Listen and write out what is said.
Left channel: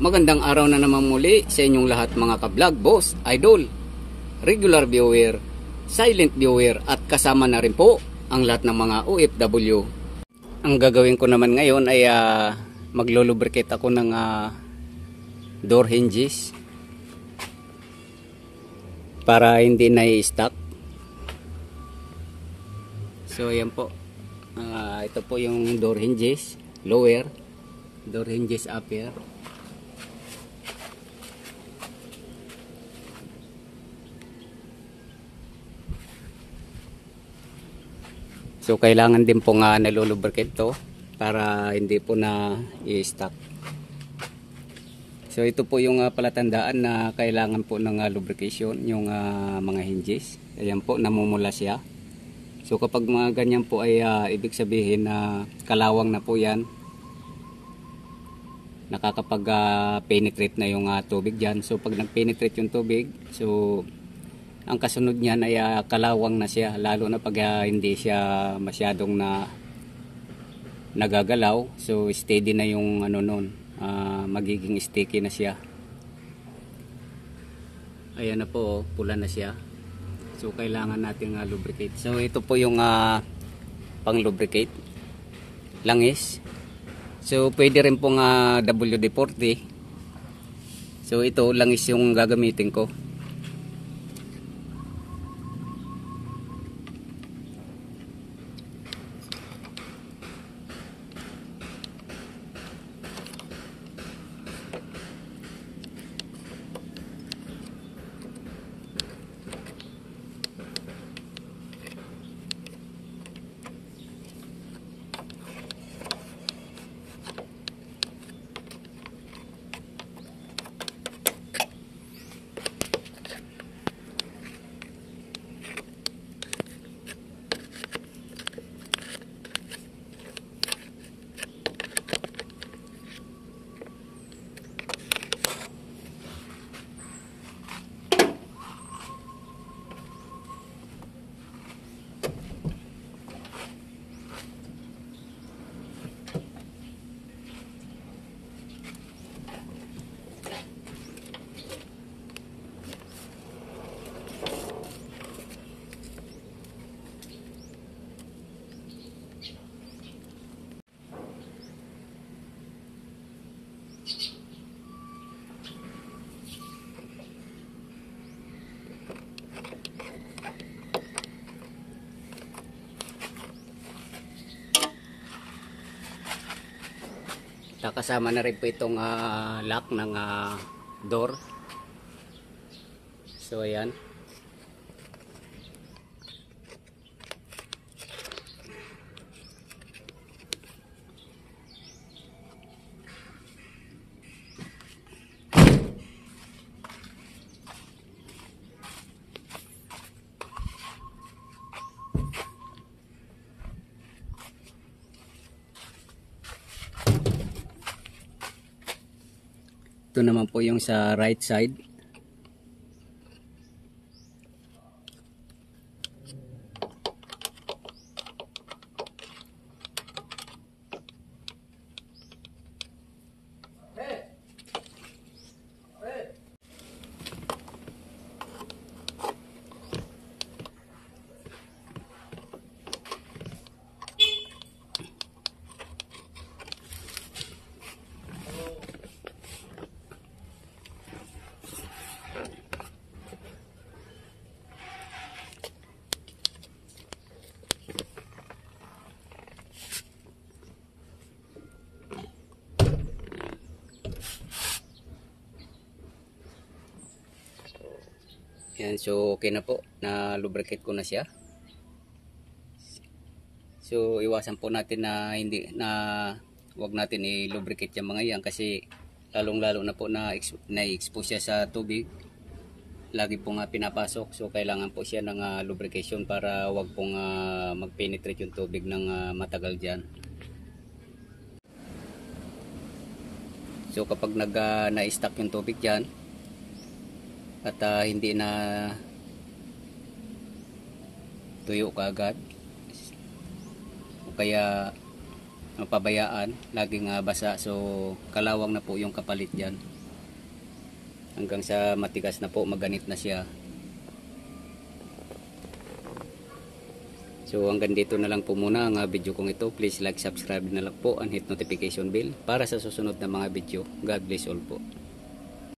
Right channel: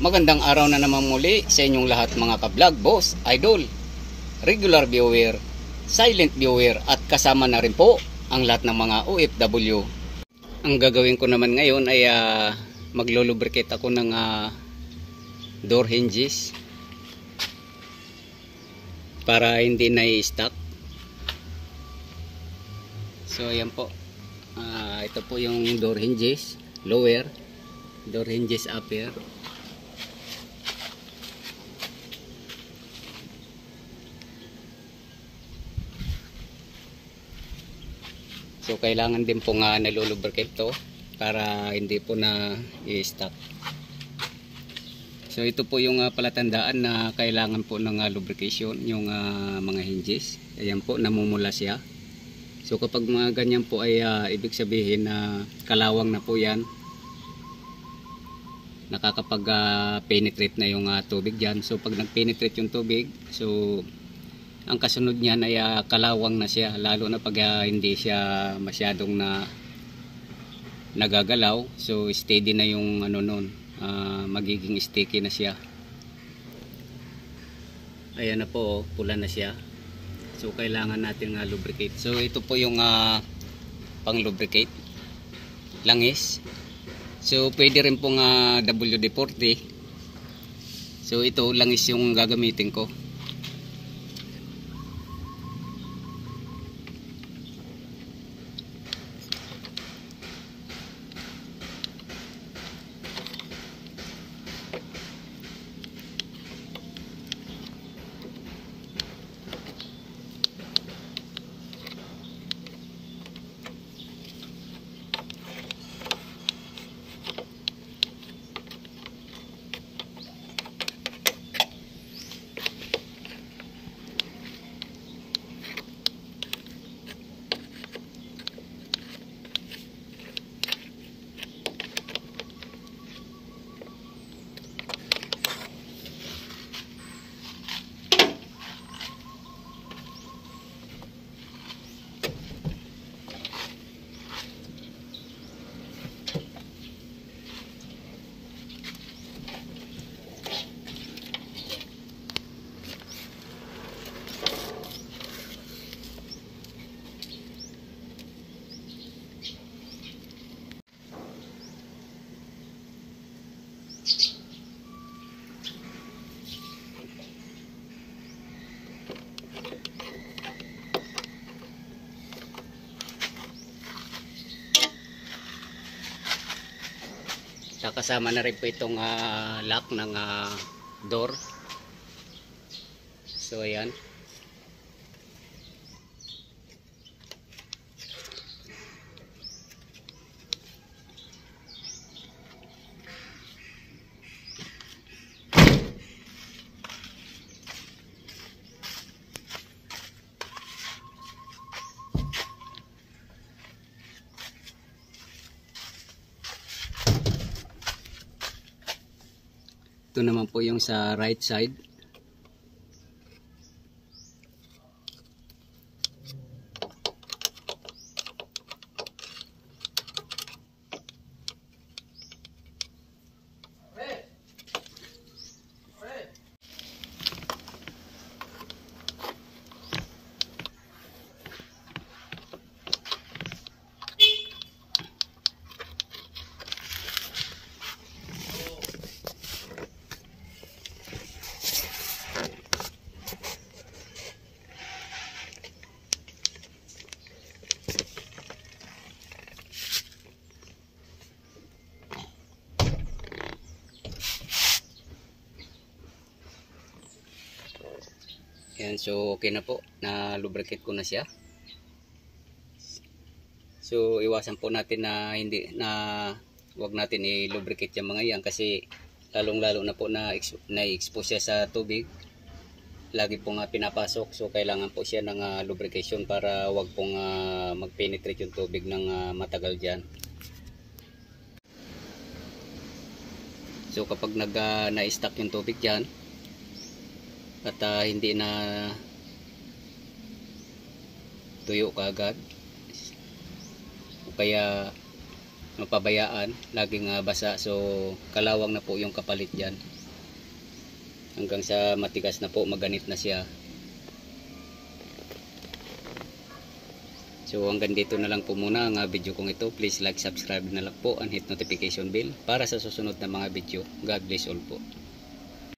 Magandang araw na naman muli sa inyong lahat mga ka-vlog, boss, idol, regular viewer, silent viewer at kasama na rin po ang lahat ng mga OFW. Ang gagawin ko naman ngayon ay maglo-lubricate ako ng door hinges para hindi na i-stuck. So ayan po, ito po yung door hinges, lower, door hinges upper. So kailangan din po nga nalulubricate to para hindi po na i-stuck. So ito po yung palatandaan na kailangan po ng lubrication yung mga hinges. Ayan po, namumula siya. So kapag mga ganyan po ay ibig sabihin na kalawang na po yan. Nakakapag penetrate na yung tubig dyan. So pag nag-penetrate yung tubig, so ang kasunod niyan ay kalawang na siya, lalo na pag hindi siya masyadong nagagalaw. So steady na yung nun, magiging sticky na siya. Ayan na po, pula na siya. So kailangan natin lubricate. So ito po yung pang lubricate, langis. So pwede rin pong WD-40. So ito langis yung gagamitin ko. Kasama na rin po itong lock ng door. So ayan. Ito naman po yung sa right side. Yan, so okay na po, na lubricate ko na siya. So iwasan po natin na wag natin i-lubricate yung mga yan kasi lalong-lalo na po na-expose siya sa tubig. Lagi pong pinapasok, so kailangan po siya ng lubrication para wag pong mag-penetrate yung tubig ng matagal diyan. So kapag na-stuck yung tubig diyan at hindi na tuyo kaagad o kaya pabayaan, laging basa. So kalawang na po yung kapalit dyan. Hanggang sa matigas na po, maganit na siya. So hanggang dito na lang po muna ang video kong ito. Please like, subscribe na lang po and hit notification bell para sa susunod na mga video. God bless all po.